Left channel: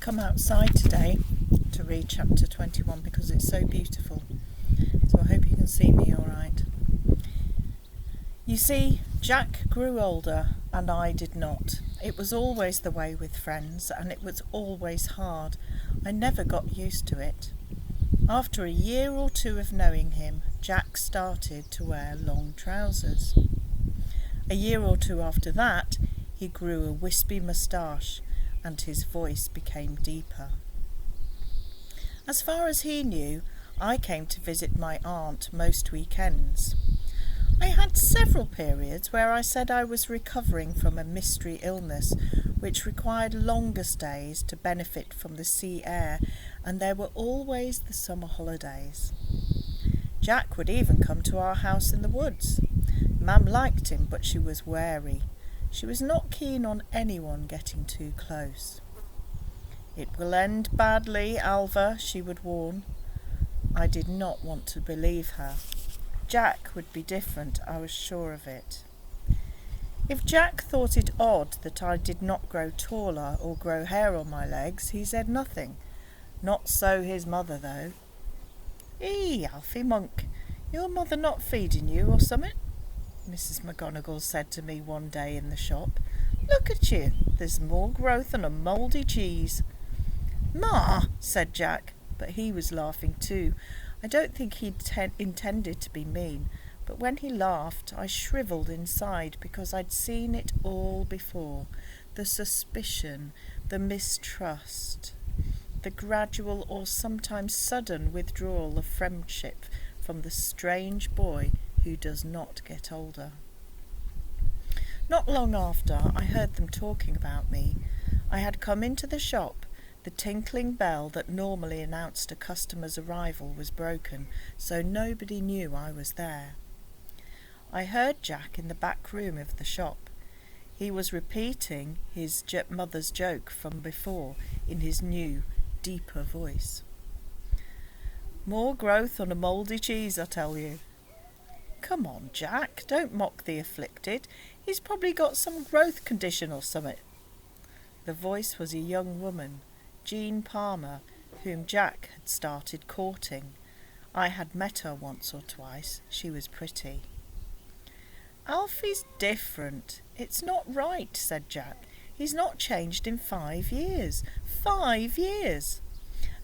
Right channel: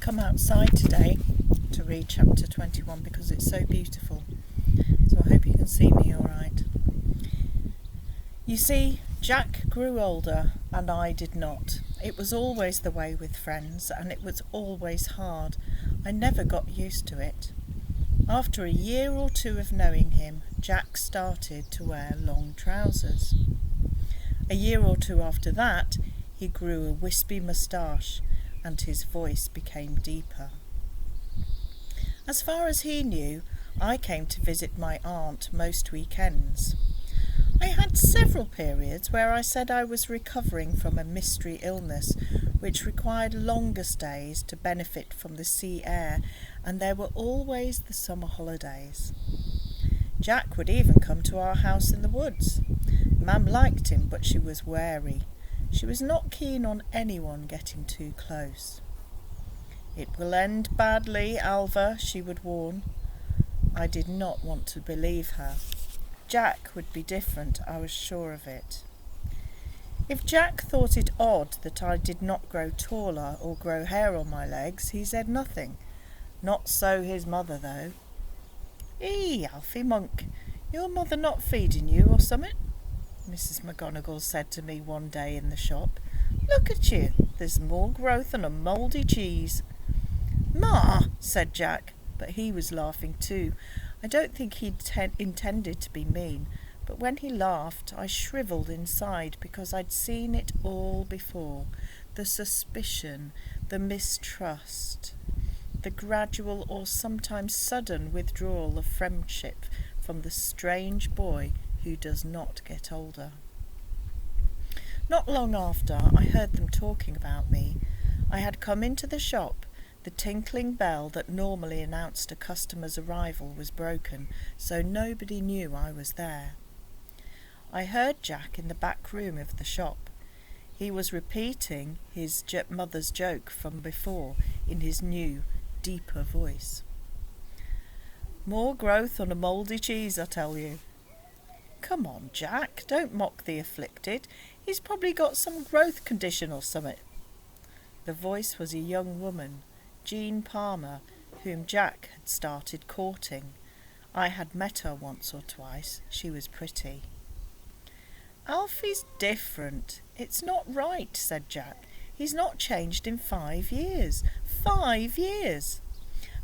come outside today to read chapter 21 because it's so beautiful. So I hope you can see me all right. You see, Jack grew older and I did not. It was always the way with friends, and it was always hard. I never got used to it. After a year or two of knowing him, Jack started to wear long trousers. A year or two after that, he grew a wispy moustache and his voice became deeper. As far as he knew, I came to visit my aunt most weekends. I had several periods where I said I was recovering from a mystery illness which required longer stays to benefit from the sea air, and there were always the summer holidays. Jack would even come to our house in the woods. Mam liked him, but she was wary. She was not keen on anyone getting too close. "It will end badly, Alva," she would warn. I did not want to believe her. Jack would be different, I was sure of it. If Jack thought it odd that I did not grow taller or grow hair on my legs, he said nothing. Not so his mother, though. Alfie Monk, your mother not feeding you or summit?" Mrs. McGonagall said to me one day in the shop. "Look at you, there's more growth than a mouldy cheese." "Ma," said Jack, but he was laughing too. I don't think he intended to be mean, but when he laughed I shrivelled inside because I'd seen it all before. The suspicion, the mistrust, the gradual or sometimes sudden withdrawal of friendship from the strange boy who does not get older. Not long after, I heard them talking about me. I had come into the shop. The tinkling bell that normally announced a customer's arrival was broken, so nobody knew I was there. I heard Jack in the back room of the shop. He was repeating his mother's joke from before in his new, deeper voice. "More growth on a mouldy cheese, I tell you." "Come on, Jack, don't mock the afflicted. He's probably got some growth condition or something." The voice was a young woman, Jean Palmer, whom Jack had started courting. I had met her once or twice. She was pretty. "Alfie's different. It's not right," said Jack. "He's not changed in 5 years. 5 years!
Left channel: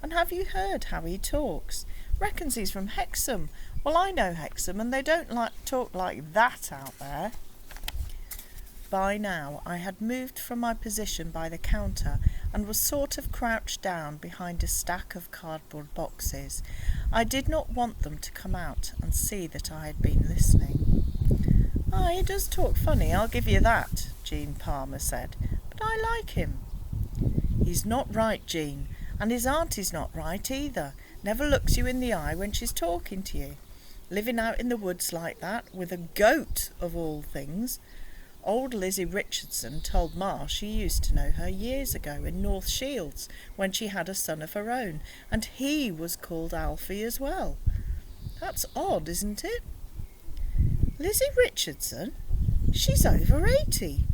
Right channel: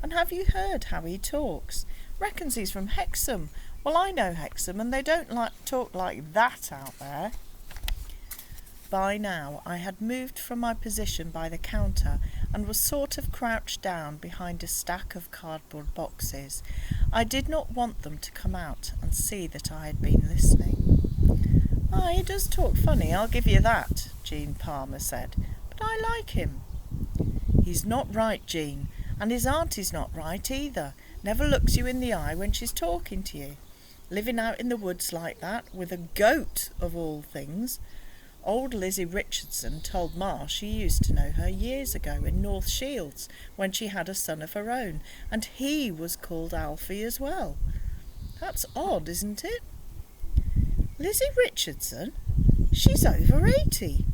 And have you heard how he talks? Reckons he's from Hexham. Well, I know Hexham, and they don't talk like that out there." By now I had moved from my position by the counter and was sort of crouched down behind a stack of cardboard boxes. I did not want them to come out and see that I had been listening. "He does talk funny, I'll give you that," Jean Palmer said, "but I like him." "He's not right, Jean, and his auntie's not right either. Never looks you in the eye when she's talking to you. Living out in the woods like that, with a goat of all things. Old Lizzie Richardson told Ma she used to know her years ago in North Shields when she had a son of her own, and he was called Alfie as well. That's odd, isn't it?" "Lizzie Richardson? She's over 80.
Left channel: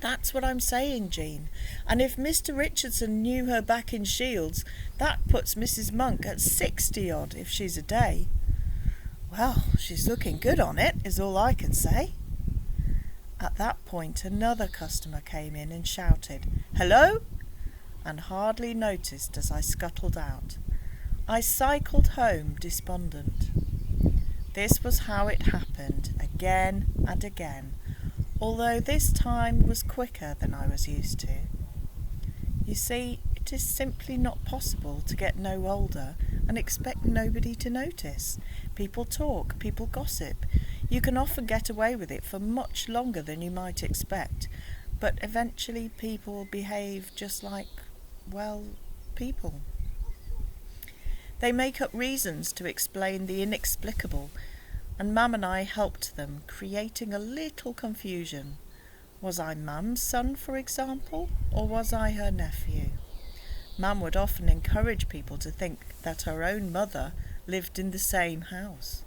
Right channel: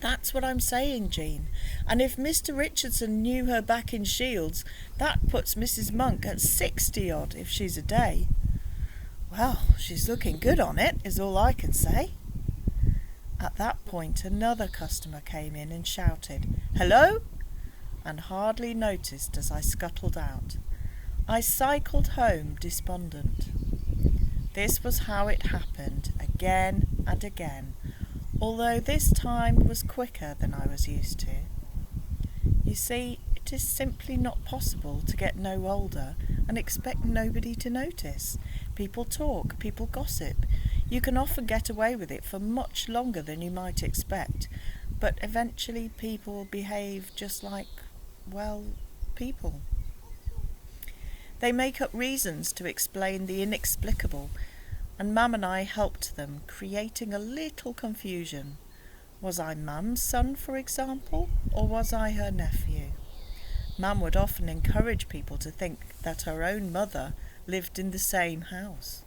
"That's what I'm saying, Jean. And if Mr. Richardson knew her back in Shields, that puts Mrs. Monk at 60-odd if she's a day." "Well, she's looking good on it, is all I can say." At that point another customer came in and shouted, "Hello?" and hardly noticed as I scuttled out. I cycled home despondent. This was how it happened again and again, although this time was quicker than I was used to. You see, it is simply not possible to get no older and expect nobody to notice. People talk, people gossip. You can often get away with it for much longer than you might expect, but eventually people behave just like, well, people. They make up reasons to explain the inexplicable, and Mum and I helped them, creating a little confusion. Was I Mum's son, for example, or was I her nephew? Mum would often encourage people to think that her own mother lived in the same house.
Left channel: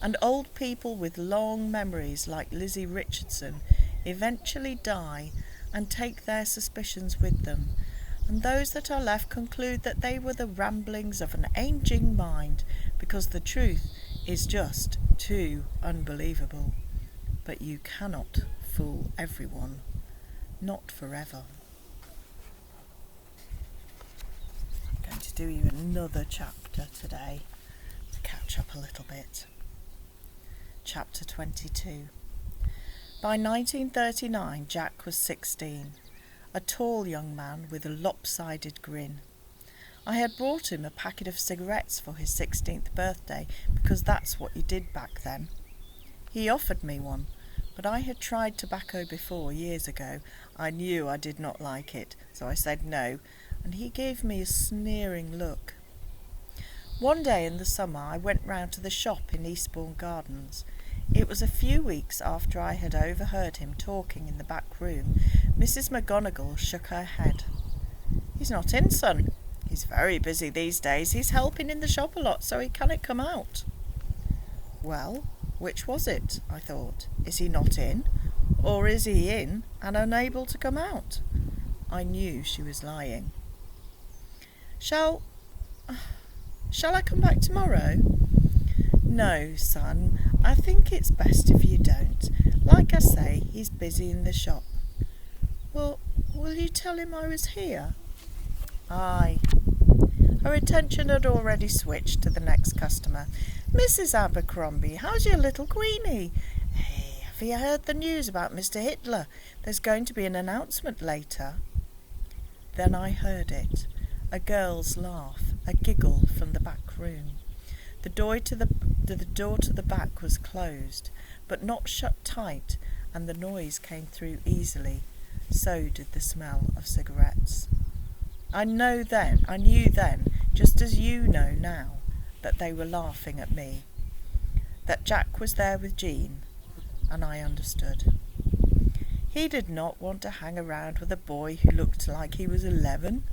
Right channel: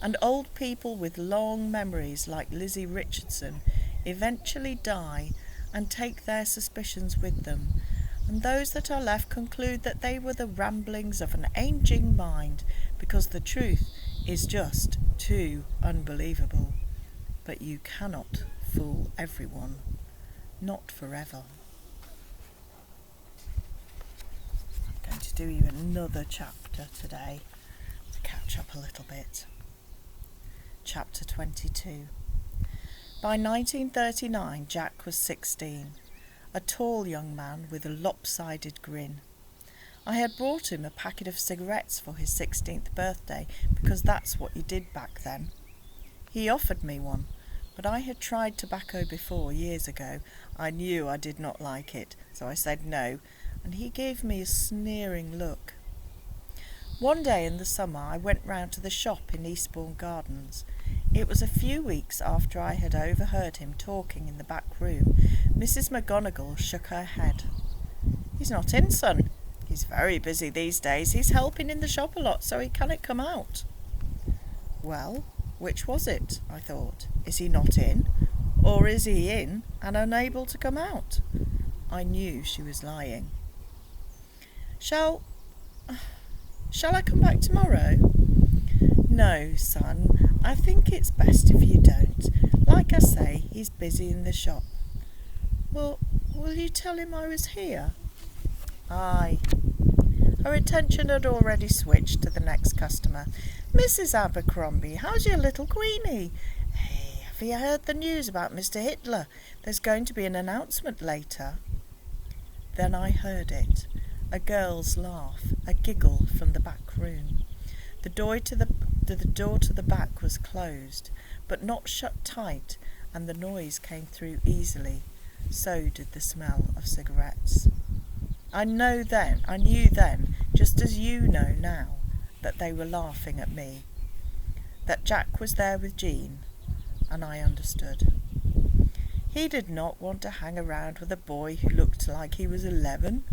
And old people with long memories like Lizzie Richardson eventually die and take their suspicions with them, and those that are left conclude that they were the ramblings of an ageing mind, because the truth is just too unbelievable. But you cannot fool everyone, not forever. I'm going to do you another chapter today to catch up a little bit. Chapter 22. By 1939, Jack was 16, a tall young man with a lopsided grin. I had brought him a packet of cigarettes for his 16th birthday, because that's what you did back then. He offered me one, but I had tried tobacco before, years ago. I knew I did not like it, so I said no, and he gave me a sneering look. One day in the summer I went round to the shop in Eastbourne Gardens. It was a few weeks after I had overheard him talking in the back room. Mrs. McGonagall shook her head. "He's not in, son. He's very busy these days. He's helping in the shop a lot, so he cannot come out." Well, which was it, I thought? Is he not in, or is he in and unable to come out? I knew she was lying. Shall I come back tomorrow? No, son, I think it's best if you don't. Like I say, he's busy in the shop. Well, will you tell him I was here? Aye. Her attention had already switched to the next customer. "Mrs. Abercrombie, how's your little Queenie? Hey, have you heard the news about Mr. Hitler? There's going to be an announcement later." Then I heard it. A girl's laugh, a giggle from the back room. The door to the back was closed, but not shut tight, and the noise came through easily. So did the smell of cigarettes. I knew then, just as you know now, that they were laughing at me, that Jack was there with Jean, and I understood. He did not want to hang around with a boy who looked like he was 11.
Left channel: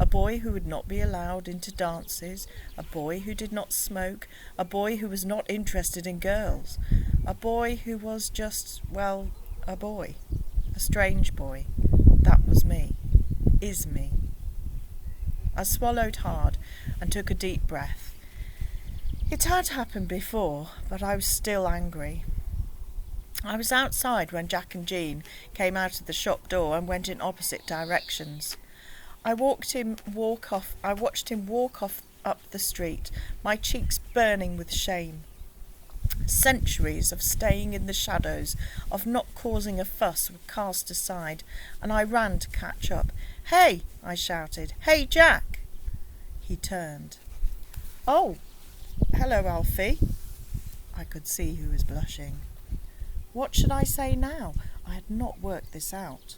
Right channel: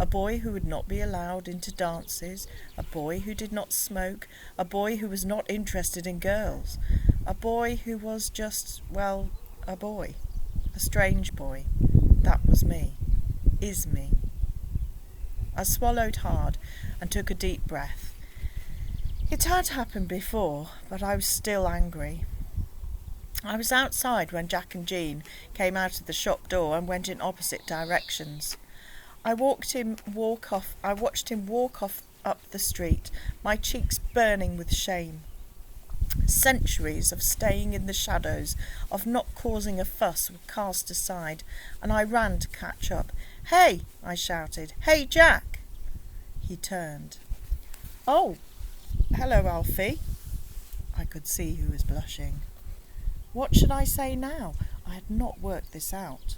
A boy who would not be allowed into dances, a boy who did not smoke, a boy who was not interested in girls, a boy who was just, well, a boy, a strange boy. That was me, is me. I swallowed hard and took a deep breath. It had happened before, but I was still angry. I was outside when Jack and Jean came out of the shop door and went in opposite directions. I watched him walk off up the street, my cheeks burning with shame. Centuries of staying in the shadows, of not causing a fuss, were cast aside, and I ran to catch up. "Hey!" I shouted. "Hey, Jack!" He turned. "Oh, hello, Alfie." I could see he was blushing. What should I say now? I had not worked this out.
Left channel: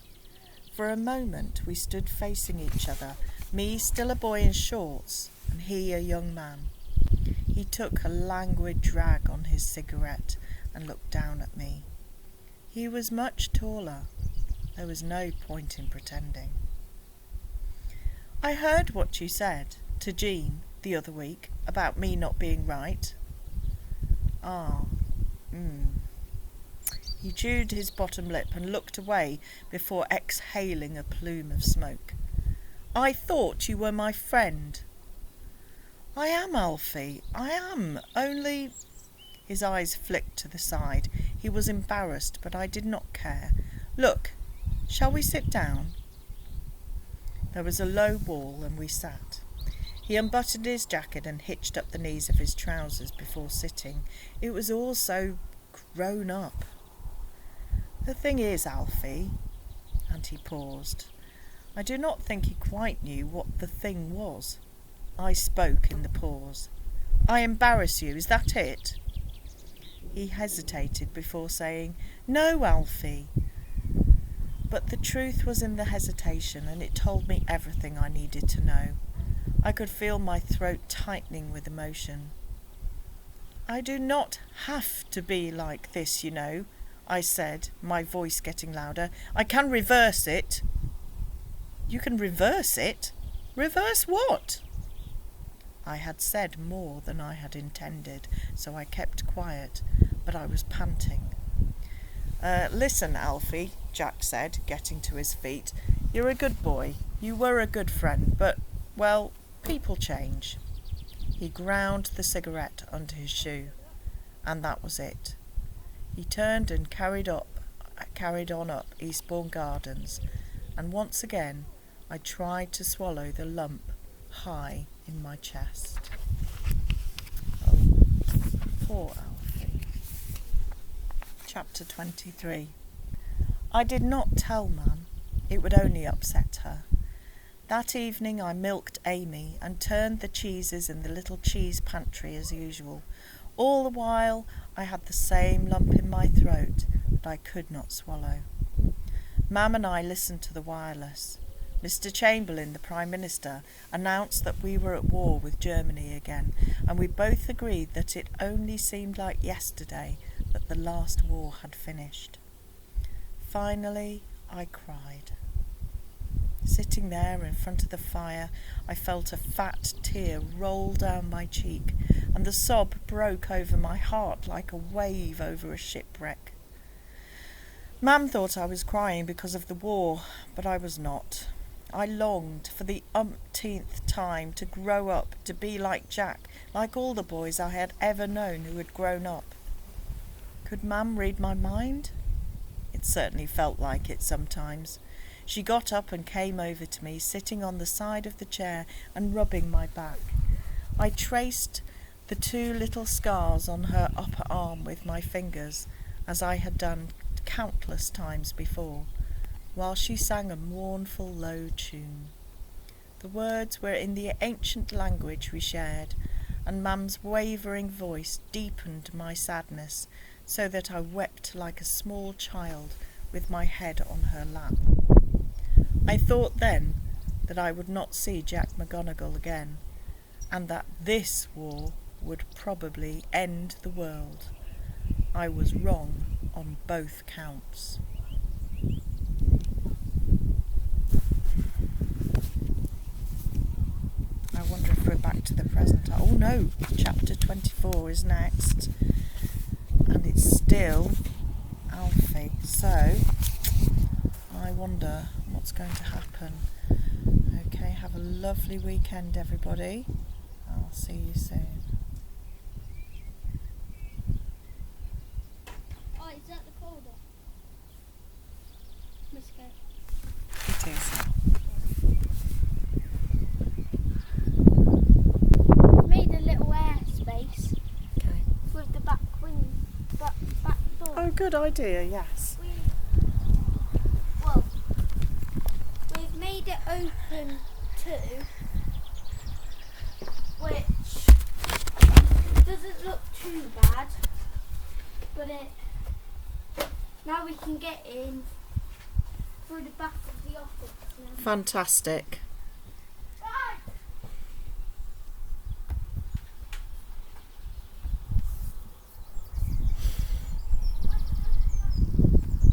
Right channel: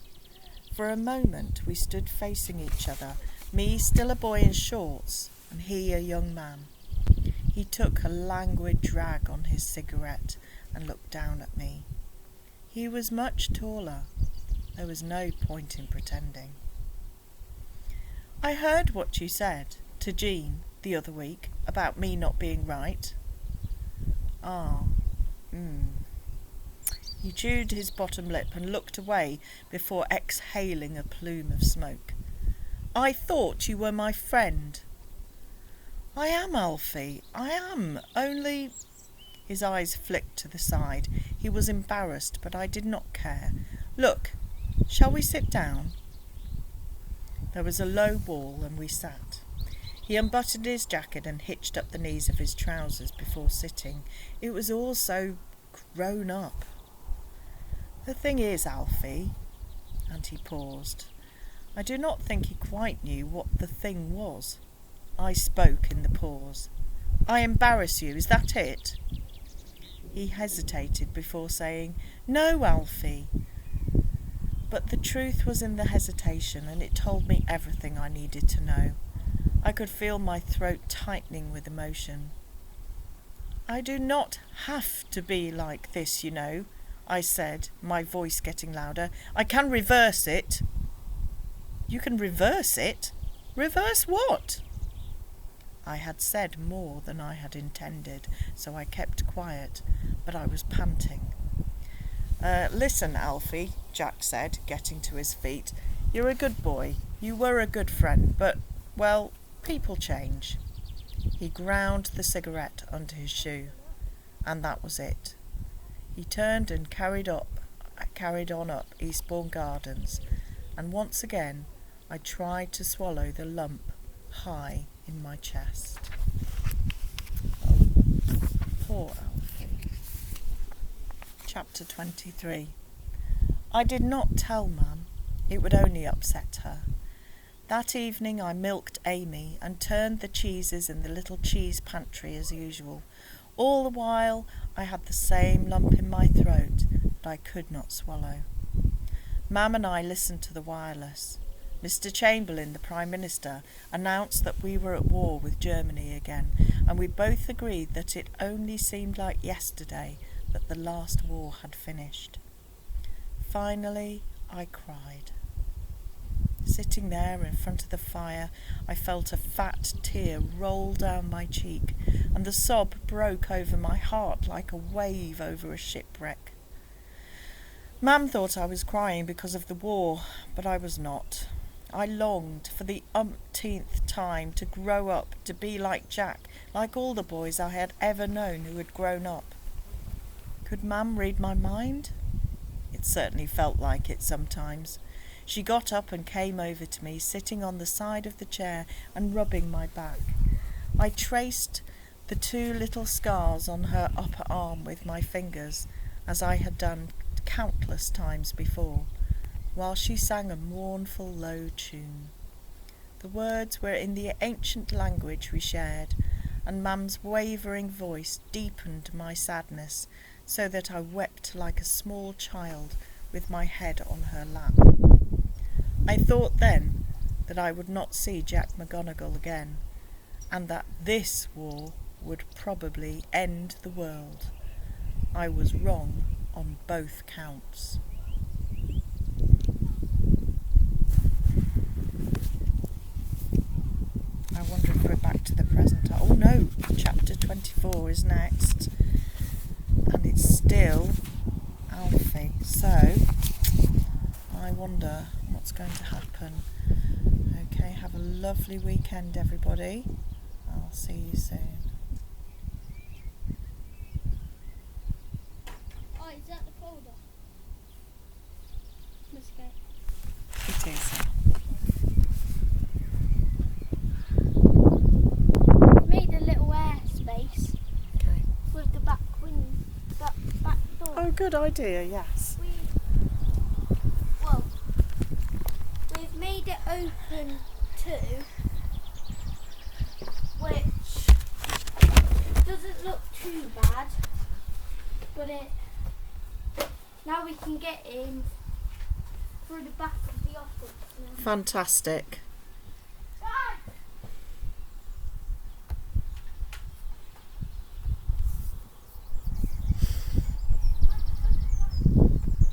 For a moment we stood facing each other, me still a boy in shorts, and he a young man. He took a languid drag on his cigarette and looked down at me. He was much taller. There was no point in pretending. "I heard what you said to Jean the other week about me not being right." He chewed his bottom lip and looked away before exhaling a plume of smoke. "I thought you were my friend." "I am, Alfie, I am, only—" His eyes flicked to the side. He was embarrassed, but I did not care. "Look, shall we sit down?" There was a low wall, and we sat. He unbuttoned his jacket and hitched up the knees of his trousers before sitting. It was all so grown up. "The thing is, Alfie," and he paused. I do not think he quite knew what the thing was. I spoke in the pause. "I embarrass you, is that it?" He hesitated before saying, "No, Alfie." But the truth was in the hesitation, and it told me everything I needed to know. I could feel my throat tightening with emotion. "I do not have to be like this, you know," I said, my voice getting louder. "I can reverse it." "You can reverse it? Reverse what?" I had said more than I had intended, so I kept quiet, but I was panting. Listen, Alfie," Jack said, getting to his feet. "You're a good boy. You were a good friend, but, well, people change. He ground the cigarette under his shoe, and that was it. He turned and carried on up Eastbourne Gardens, and once again I tried to swallow the lump high in my chest. Oh, poor Alfie. Chapter 23. I did not tell Mum. It would only upset her. That evening I milked Amy and turned the cheeses in the little cheese pantry as usual. All the while I had the same lump in my throat that I could not swallow. Mam and I listened to the wireless. Mr. Chamberlain, the Prime Minister, announced that we were at war with Germany again, and we both agreed that it only seemed like yesterday that the last war had finished. Finally, I cried. Sitting there in front of the fire, I felt a fat tear roll down my cheek, and the sob broke over my heart like a wave over a shipwreck. Mam thought I was crying because of the war, but I was not. I longed for the umpteenth time to grow up, to be like Jack, like all the boys I had ever known who had grown up. Could Mam read my mind? It certainly felt like it sometimes. She got up and came over to me, sitting on the side of the chair and rubbing my back. I traced the 2 little scars on her upper arm with my fingers, as I had done countless times before, while she sang a mournful low tune. The words were in the ancient language we shared, and Mam's wavering voice deepened my sadness, so that I wept like a small child with my head on her lap. I thought then that I would not see Jack McGonagall again, and that this war would probably end the world. I was wrong on both counts. I wonder if we're back to the present. Oh no, chapter 24 is next, and it's still Alfie. So I wonder what's going to happen. Okay, have a lovely weekend, everybody. I'll see you soon. Oh, is that the folder? Let's go. It is. We made a little airspace Okay. with the back door. Oh, good idea, yes. We've made it open too, which doesn't look too bad, but now we can get in through the back of the office now. Fantastic.